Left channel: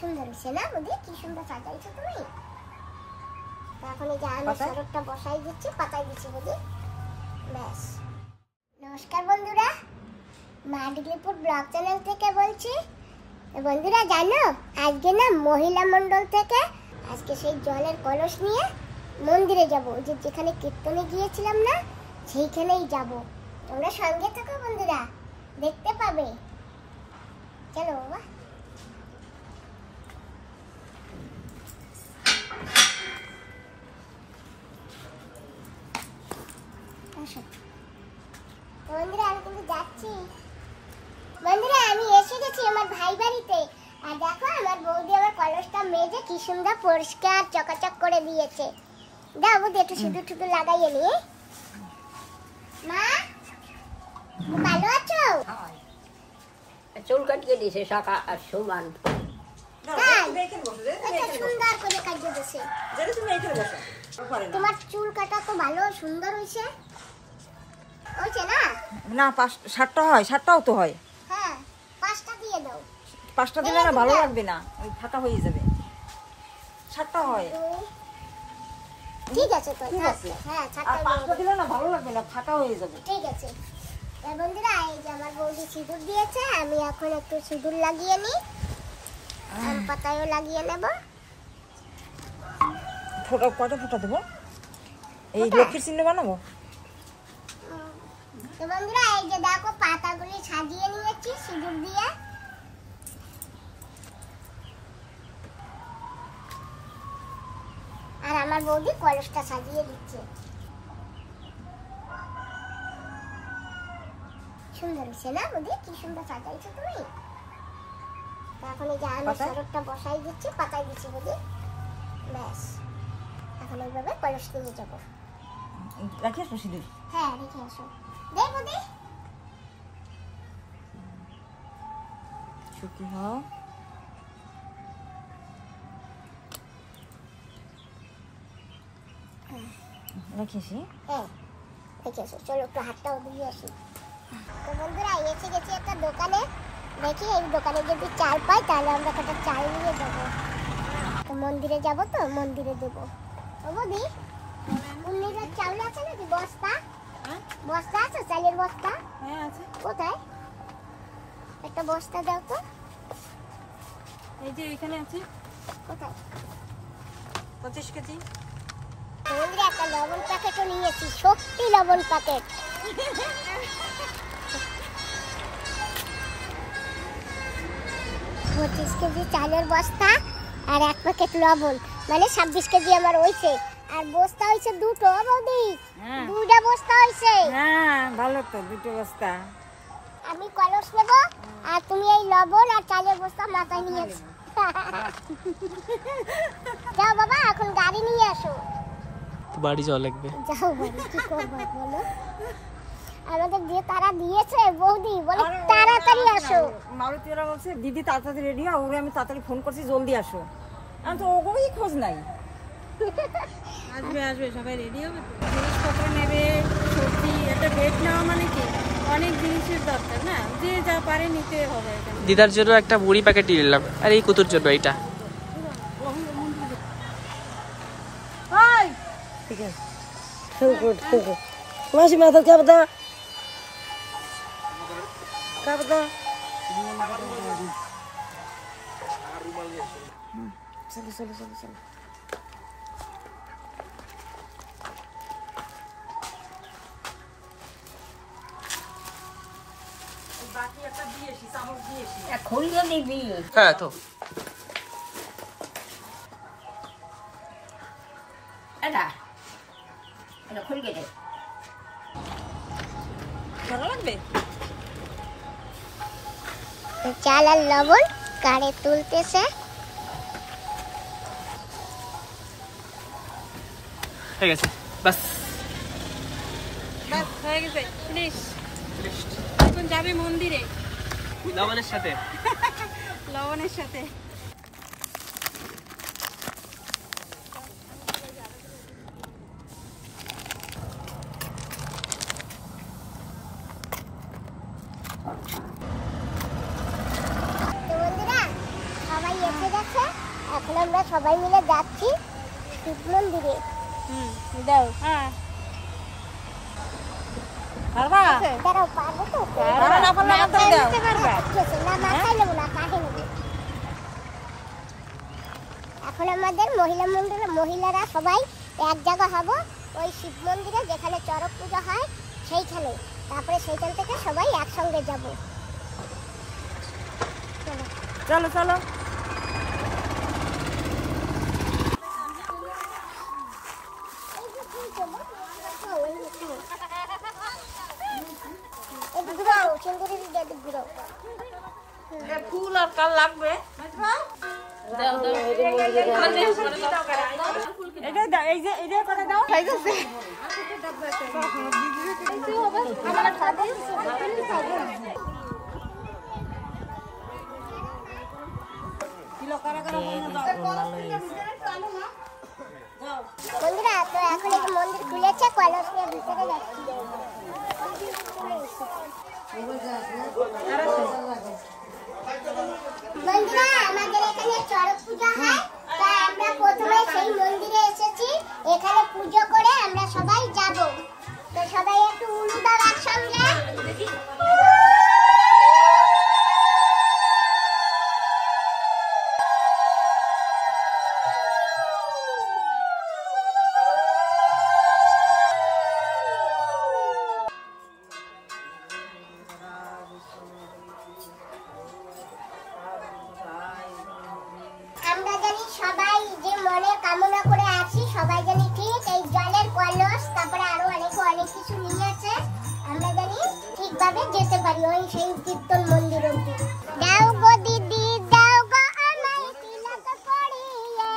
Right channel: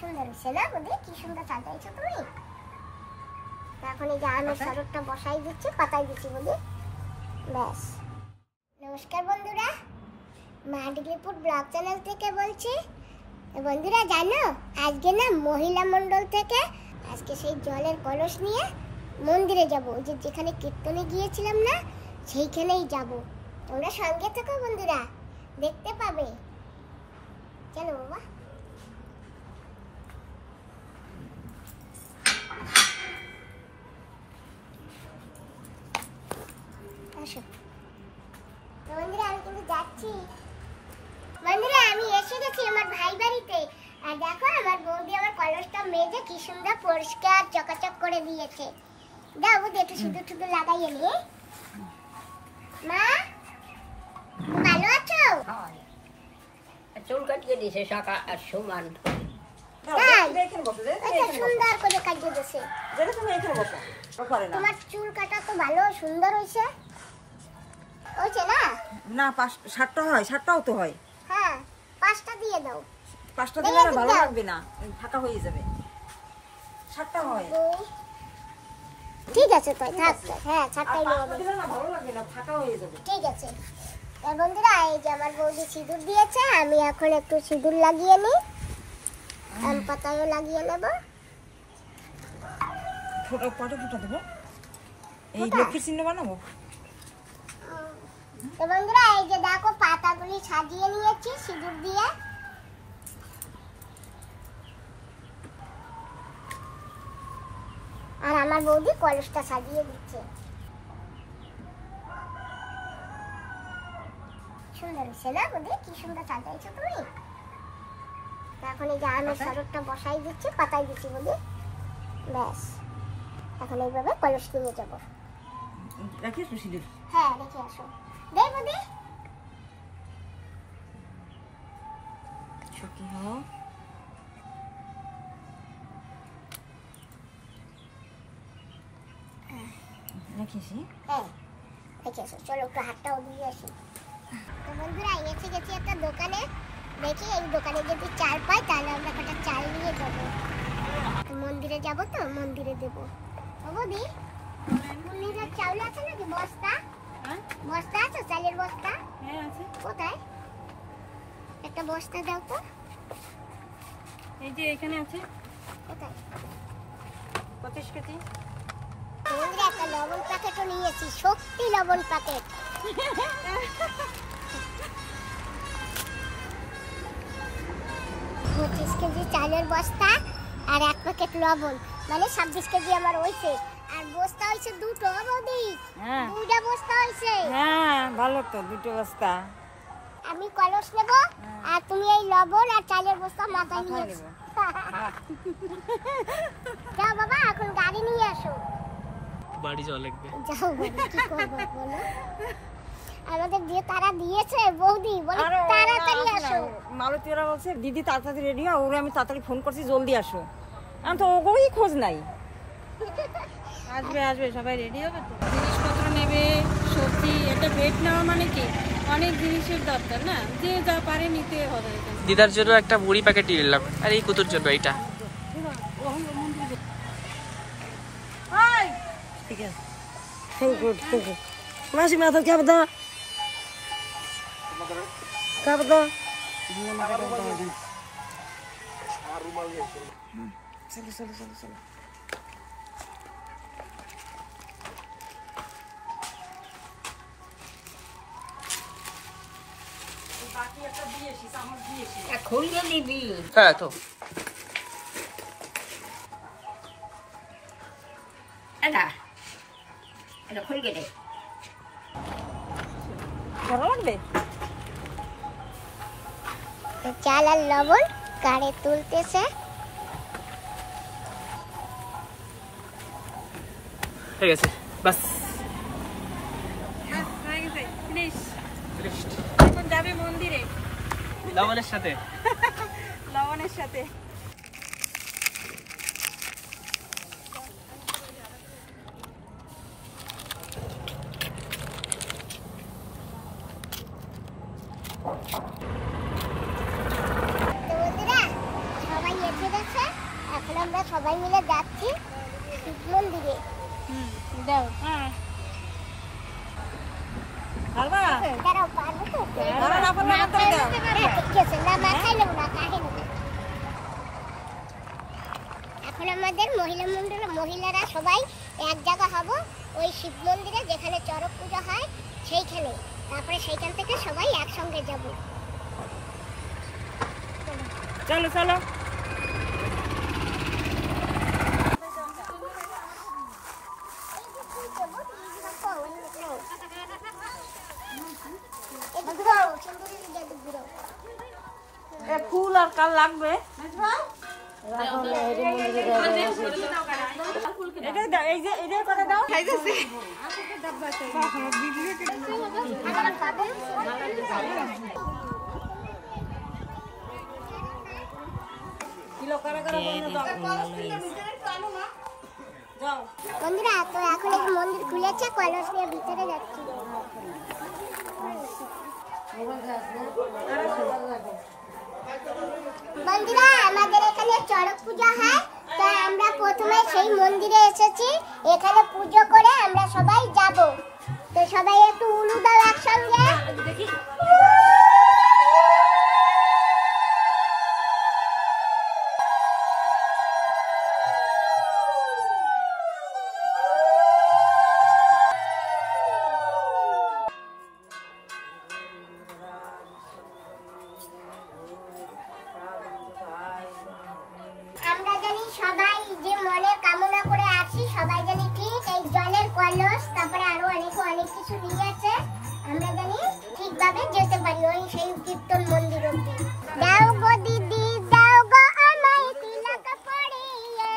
সুন্দর হয়েছে না বৌদি? কি সুন্দর সাজাইছো তুমি। এখন এই যে আমের শরবতটা বসাই দিচ্ছি, পাতাই দিচ্ছি বৌদি, ব্যাস। নমস্কার বন্ধুরা, মা ডিগ্রিপুর ব্লগ চ্যানেল থেকে বলছি। বন্ধুরা জানো, আজকে না মহিলা মণ্ডল থেকে আজকে সেই জলের কলস নিয়ে মন্দিরে যাবো। যে যেখানে কীর্তনে গিয়েছিলাম না, সেইখানেই যাব। তোমরা সঙ্গে থাকো বন্ধুরা, দেখতে পাবে। চলো বাবা। বন্ধুরা আমি কিন্তু যাচ্ছি। বন্ধুরা আমি এসে গেছি আমার ভাই বাড়িতে। আর দেখো আমার বৌদি আমার কলসটা মেজে কি সুন্দর পরিষ্কার চকাচক করে দিয়েছে। দাও বৌদি একটু সিঁদুর টুদুর লাগাইয়ে নি। মা ভালো আছো? চুল কাটিয়ে দিছে সকাল আর সমান। সুন্দর করে কাটিয়ে দিছে। তোমার চুল কাটা তো ভালো সুন্দর হয়েছে। হয়েছে না? না, 7টা হয়, 7টাও তো হয়। হ্যাঁ 5টা দিয়ে দাও। 5টা দিলে না ভালো লাগবে না, ফাঁকা হয়ে যাবে। 7টা হয়। ঠিক আছে তাই। হ্যাঁ 7টা দিলে না ভালো লাগবে না, ফাঁকা হয়ে যাবে। ঠিক আছে। বন্ধুরা এই যে আমার বৌদি সিঁদুর দিয়েছে, আমি এখন একটু সিঁদুর লাগিয়ে নিই। আম পাতায়ও লাগিয়ে নেব। কটা ফুটা দেবো? এই লক্ষ্মীর চিহ্ন বানাবো। তো বন্ধুরা এই যে দেখো পাতাগুলি সাজিয়ে নিয়েছি সিঁদুর দিয়ে। আর আমার বৌদি কলসটা সাজিয়ে দিচ্ছে। সুন্দর হয়েছে না বৌদি? কি সুন্দর সাজাইছো তুমি। এখন এই যে আমের শরবতটা বসাই দিচ্ছি, পাতাই দিচ্ছি বৌদি, ব্যাস। এখন এইভাবে কলস নিয়ে যাবো। রাখি আসো সিঁদুর? হ্যাঁ রেখে আসো। দে বৌদি। সুখী হও। রাখিছি? হ্যাঁ রেখে আসো। চলো একটু হাতটাও দিয়ে আসি। তো বন্ধুরা এসে গেছি একটা দোকানে। দেখি এই দোকানে যদি চাল পাই তাহলে আমরা কটা চাল নিয়ে যাবো। তো মন্দিরে যাবো, তো মন্দিরে দেবো। ও বৌদি, নিজের চাউল আছে নাকি? বস্তা বস্তা আছে? চালের বস্তা? হ্যাঁ আছে। কোথায়? একটা বস্তা দাও তো। এই যে এখানে আছে। কোথায়? 25 কেজি। বন্ধুরা একটা লবণ প্যাকেটও নিয়েছি, সত্যি লবণ প্যাকেট। 25 কেজি চালের বস্তা আর 1 প্যাকেট লবণ, মানে 26 কেজি আমার হয়েছে। আর বস্তা হয়েছে 2টো বৌদি। হ্যাঁ 2টা বস্তা হয়েছে। হ্যাঁ ভালো তো, 2টো বস্তা। আমি কলস নেব আর তুমি এই লবণ আর চালের বস্তা মাথায় নিয়ে এসো। যাও বাবা, এখন গাড়ি নিয়ে আসো। বাড়ি যাওয়া লাগবে। যাও বাড়ি, কি করবো বলো? আমাদের যে তারা দিয়েছে বৌদি বলে তাড়াতাড়ি আসো। মালতী ওরা বলছে দিদি তাড়াতাড়ি রেডি হও। ওরে আমি তাড়াতাড়ি ফোন করছি জলদি আসো। আমি তো ওগুলোই খোঁজ নাই। আসবে আসবে, সবাই রেডি হবে। জিনিসপত্র নেবে, সবজি, একটা বেড নেওয়া মানে কি অনেক জিনিসের দরকার না, যে যা পারে নিতে হবে। দিদার জন্য একটা বুড়ি প্যাকেট নিলাম, আর এই কুতুর জন্য এইটা। ঠিক আছে। মাসি মেয়ে তো কে বতা কে বতা। চলো চলো চলো চলো। খুলে নিবি। হ্যাঁ তো এটা এটা খুলে দে। ভালো লাগবে। চাল আর লবণ কারে তুলতেছে। ঠিক আছে, বাস বাস হয়ে গেছে, ফিনিশ। এখন যাবে মন্দিরে লবণের সাথে। লবণের সাথে। তো বন্ধুরা সবাই এসে লাগছে। এখন আমরা সবাই মিলে যাচ্ছি শিব মন্দিরে। দাও খাবা দাঁড়াও, পারবো তো? দাও না পারলে আমাকে দাও। হ্যাঁ, ঠিক আছে, না মাথায় নেবো না, কাঁধে নেবো। এখন আমাদের মহিলারা সবাই এক জায়গা হব ওই শিব মন্দিরে, যেখানে চড়ক পূজা হয় সেইখানে। তারপরে সেইখান থেকে সবাই একসঙ্গে যাব। চলো চলো। ফুল আর কাল লাগবে। এটা দাও, এই যে এটা করে দাও। বন্ধুরা, তো এখন এই মন্দির খুলেছে, কলস নিয়ে ভিতরে যাচ্ছি। বন্ধুরা, আমাদের এখানে চড়ক পূজা হয়, তাই আমরা প্রথমে সেই মন্দিরে এসেছি। এখানে পুজো করে আমরা সবাই যাব। তো সবাই একটু উলু দাও একসঙ্গে। আমরা জানি সবাই যে মনে কামনা করে আছি, সবাই জানি ঠিক এই জলের কলস, তারপরে আরো অনেক কিছু নিয়ে আছে। আমরা জানি ঠিকভাবে যেতে পারি ওই সেই কীর্তন মন্দির অব্দি। দাও গো দিদি, দাও গো আমায় তিলক পরিয়ে।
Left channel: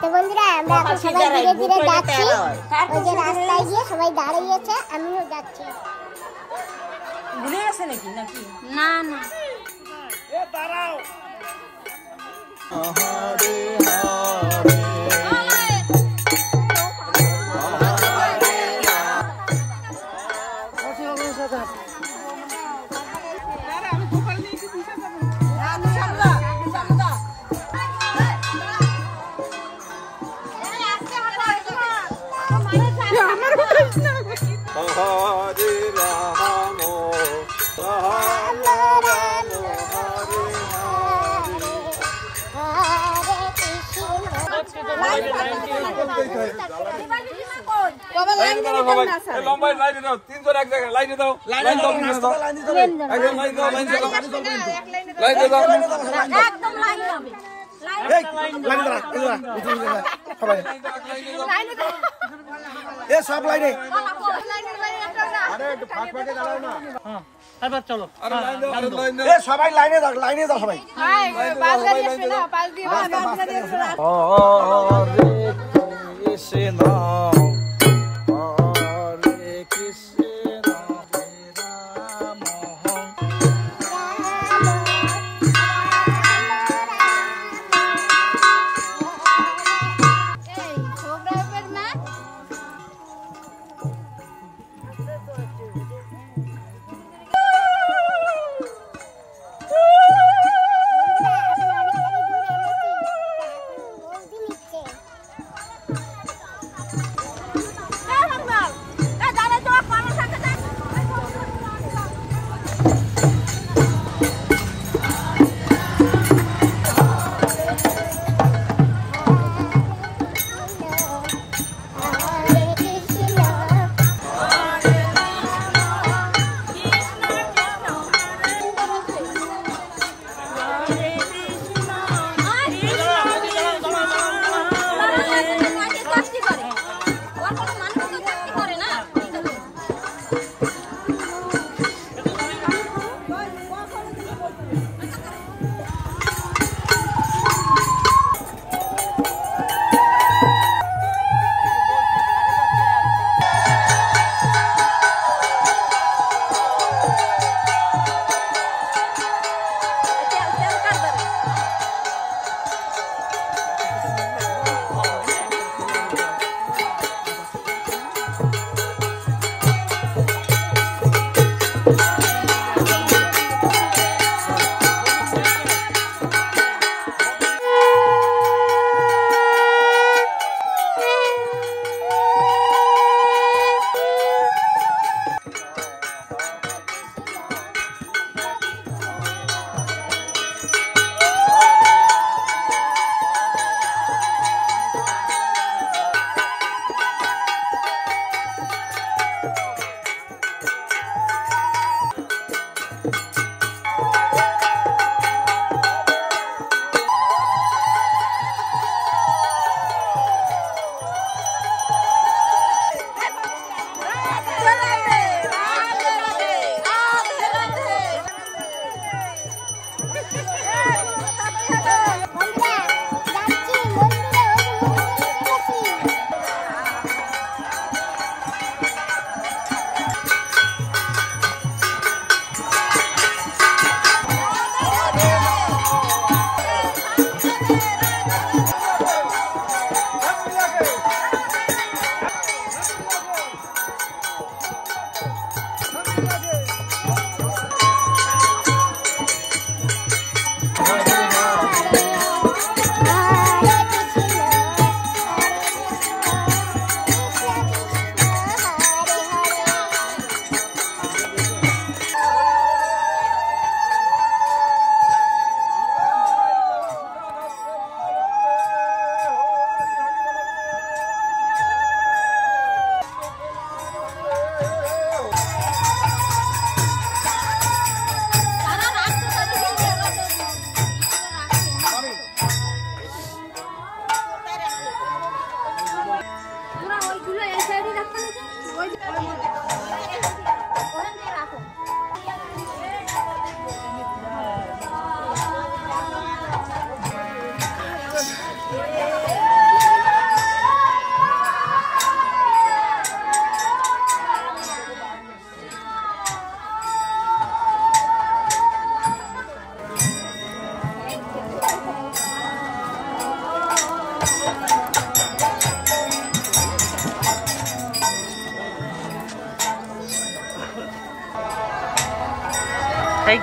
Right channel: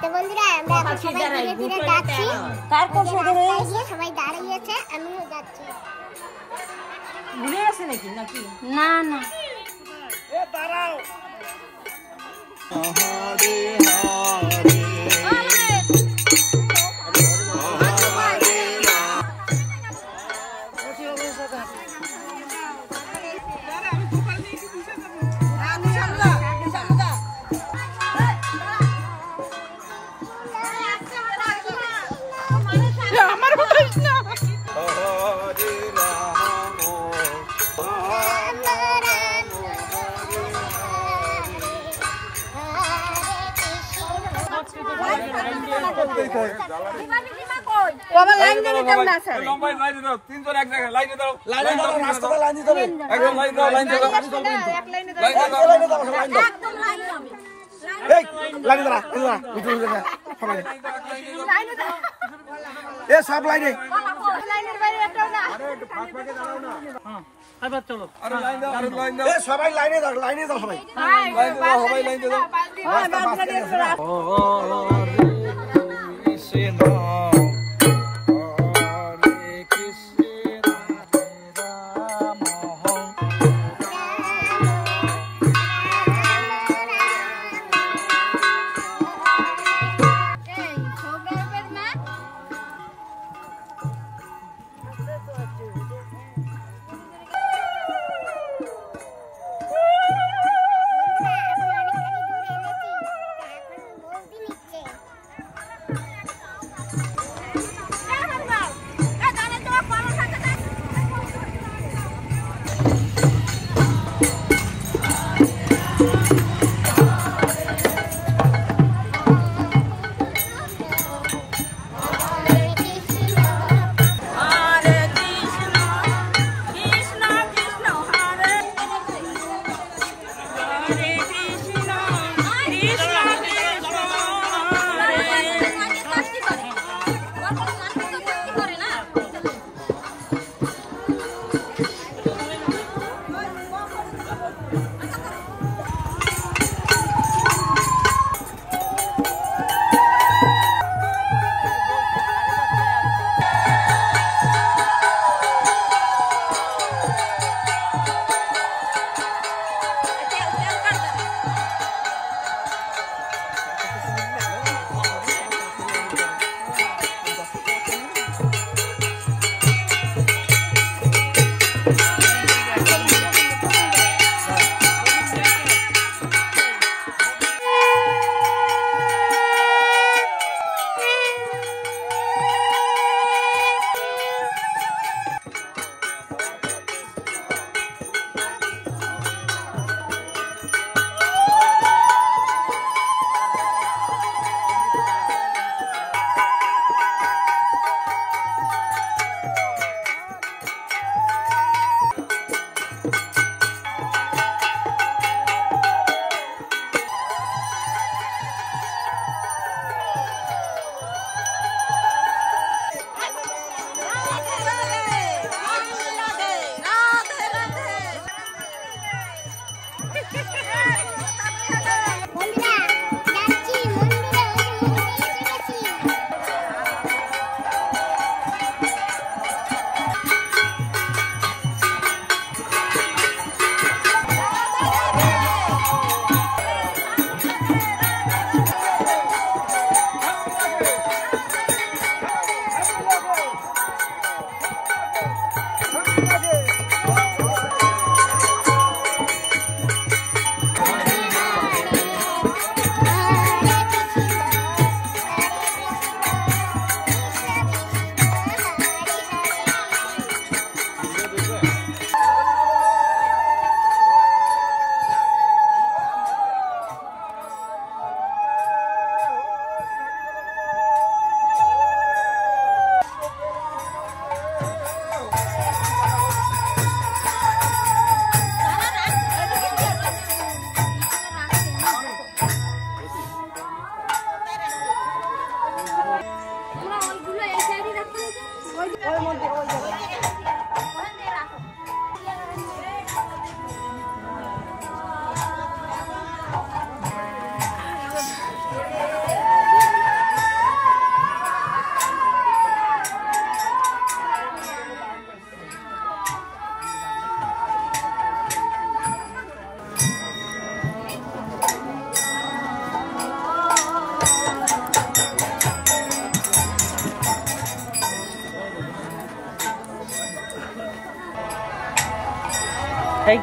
তো বন্ধুরা, আমরা এখন সবাই ধীরে ধীরে যাচ্ছি। ওই যে রাস্তায় গিয়ে সবাই দাঁড়িয়েছে, আমিও যাচ্ছি। ভুলে গেছে নাকি নাকি? না না আমার বলিস না। সব লাইনে সবাই লাইনে যাও, লাইনে যাও সবাই। রাস্তা বাস গাড়ি আছে না। Thank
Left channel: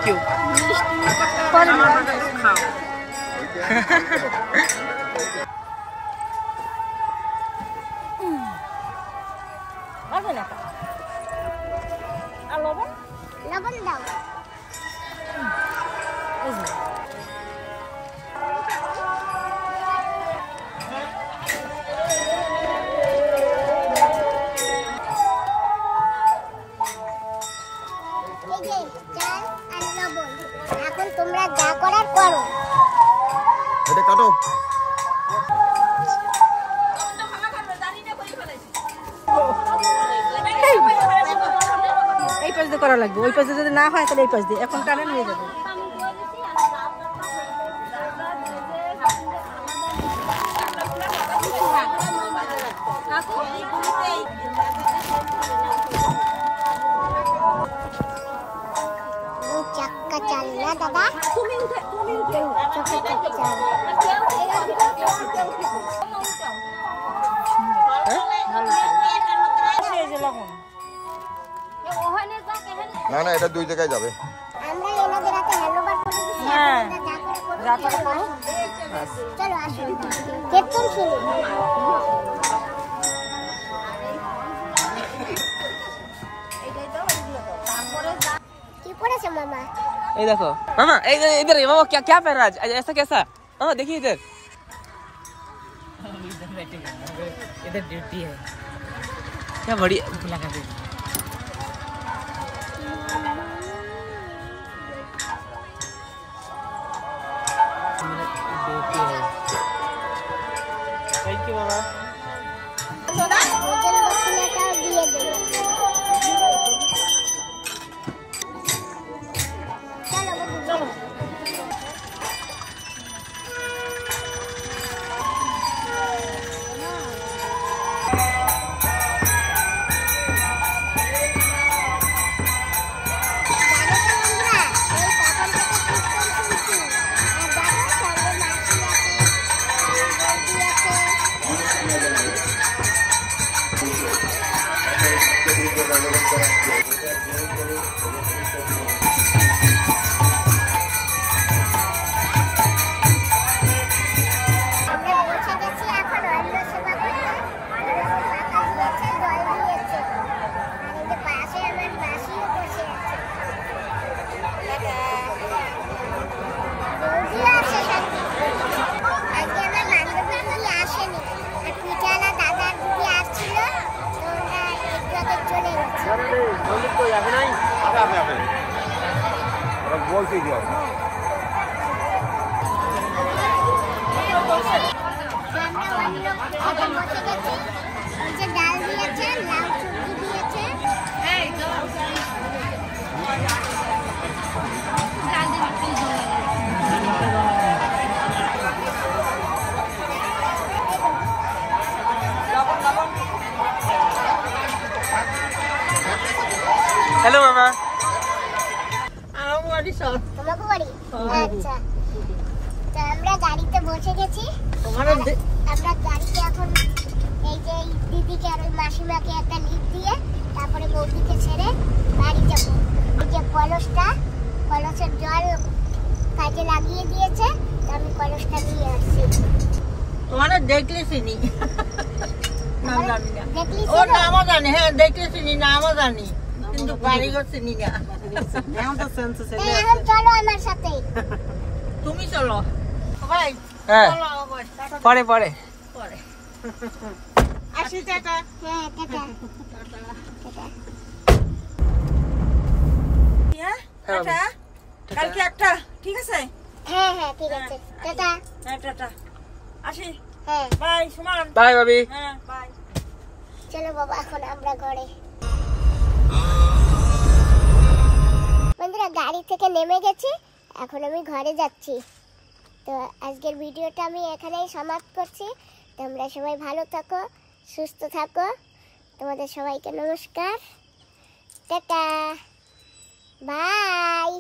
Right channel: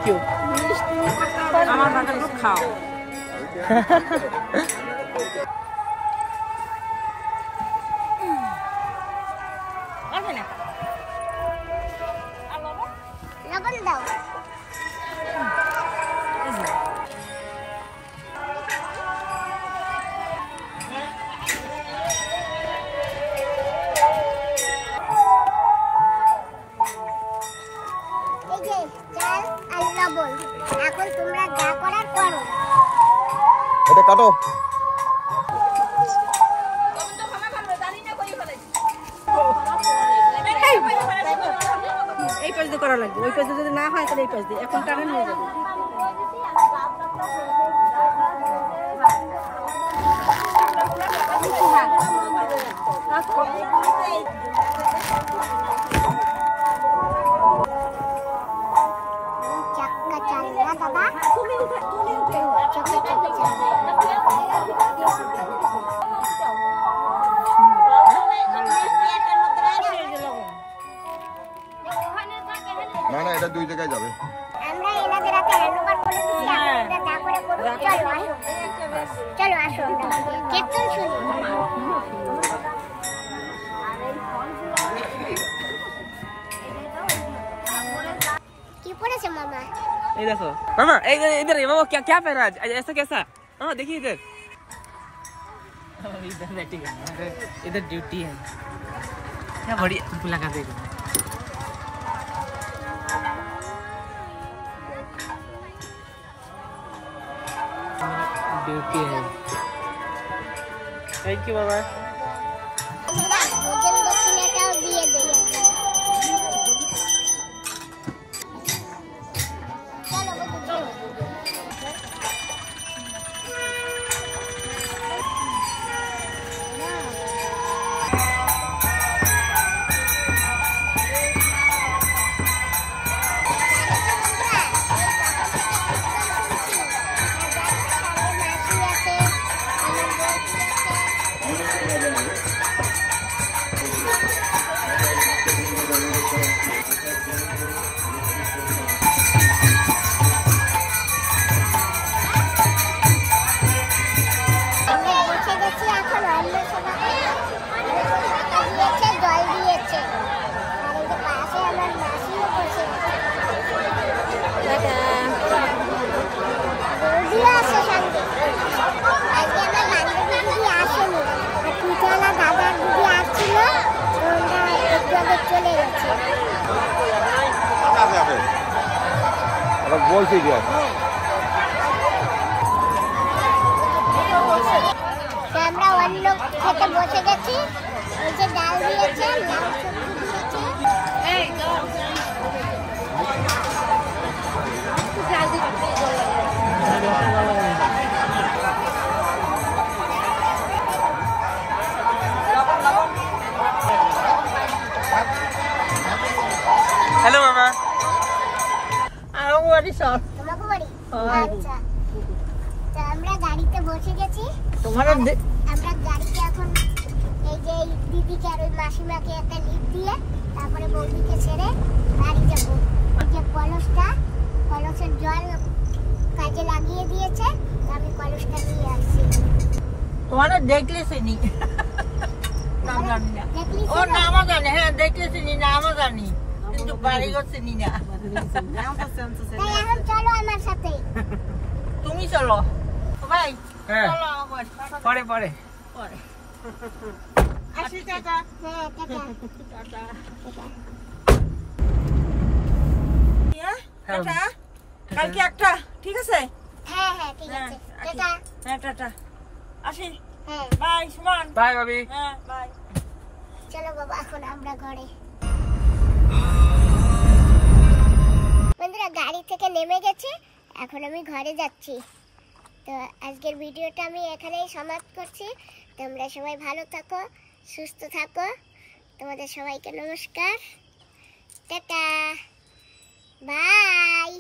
you. লবণ দাও। এখন তোমরা যা করার করো। এটা কাটো। এই পাশ দিয়ে করা লাগবে, ওই পাশে যদি না হয় তাহলে এই পাশ দিয়ে, এখন টানেন হয়ে যাবে। চাক্কা চাল না দাদা, না না, এটা দুই জায়গায় যাবে। আমরা এনাদের হাতে হ্যান্ডওভার করে দিচ্ছি, আপনারা যা করে করুন। চলো আসো, কীর্তন শুনি। কি পড়েছে মামা? ये देखो मामा, इधर मामा क्या क्या पहन रहा है ऐसा कैसा? मामा देखिए इधर इधर बैठेगा, इधर ड्यूटी है। क्या बढ़िया लगा दे ड्यूटी है। थैंक यू बाबा। भोजन दक्षिणाটাও দিয়ে দেন। চলো বাবু চলো। দিকে আমরা অন্য খেতে বসে গেছি। ওই যে ডাল দিয়েছে, লাউ সবজি দিয়েছে। हेलो मामा তোমাকে বাড়ি? আচ্ছা, তো আমরা গাড়িতে বসে গেছি। আমরা গাড়িতে এখন এই যে এই দিদিকে আর ওই মাসিমাকে একটা লিফট দিয়ে তারপরে বৌদিকে ছেড়ে বাড়ি যাবো। ওই যে কলসের জল কাজে লাগিয়ে দিয়েছে, তো আমি কলসটা নিয়ে আসছি। তোমাদের দেখলে চিনি না জানি না দেখলি ও নামও জানি হ্যাঁ দেখলে চিনি নামও জানি কিন্তু বাড়িঘর চিনি না তাই এখন চলো আমার সাথে। তুমি চলো ভাই হ্যাঁ চলো একবার। পরে পরে পরে আসি টাটা হ্যাঁ, টাটা। টাটা কালকে একটা ঠিক আছে হ্যাঁ হ্যাঁ ঠিক আছে, টাটা। হ্যাঁ টাটা আসি হ্যাঁ বাই সুমন बाय भाभी হ্যাঁ বাই চলো বাবা, এখন আমরা ঘরে। বন্ধুরা গাড়ি থেকে নেমে গেছি, এখন আমি ঘরে যাচ্ছি। তো আজকের ভিডিওটা আমি এখানেই সমাপ্ত করছি। তোমরা সবাই ভালো থাকো, সুস্থ থাকো। তোমাদের সবাইকে নমস্কার, টাটা, বাই।